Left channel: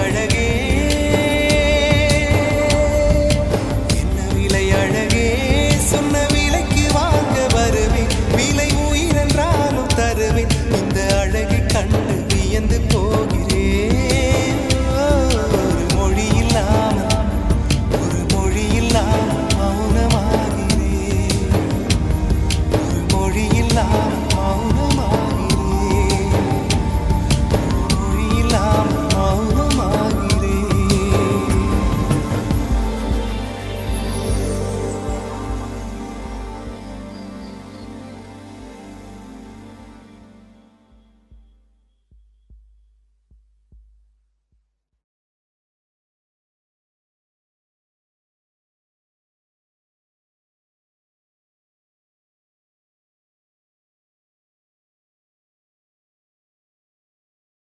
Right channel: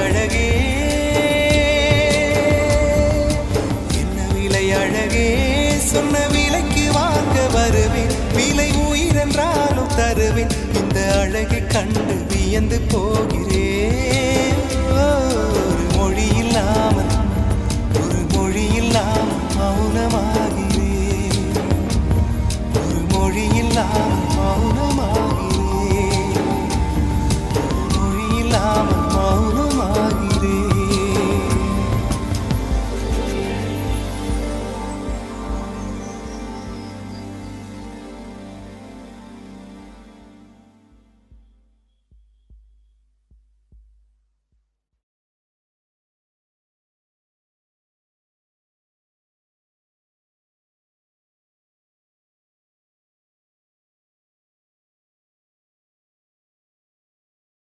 அழகே என்ன விலை அழகே சொன்ன விலைக்கு வாங்க வருவேன் விலை உயிரென்றாலும் தருவேன் இந்த அழகை கண்டு வியந்து போகிறேன் ஒரு மொழி இல்லாமல் மௌனமாகிறேன் ஒரு மொழி இல்லாமல் மௌனம்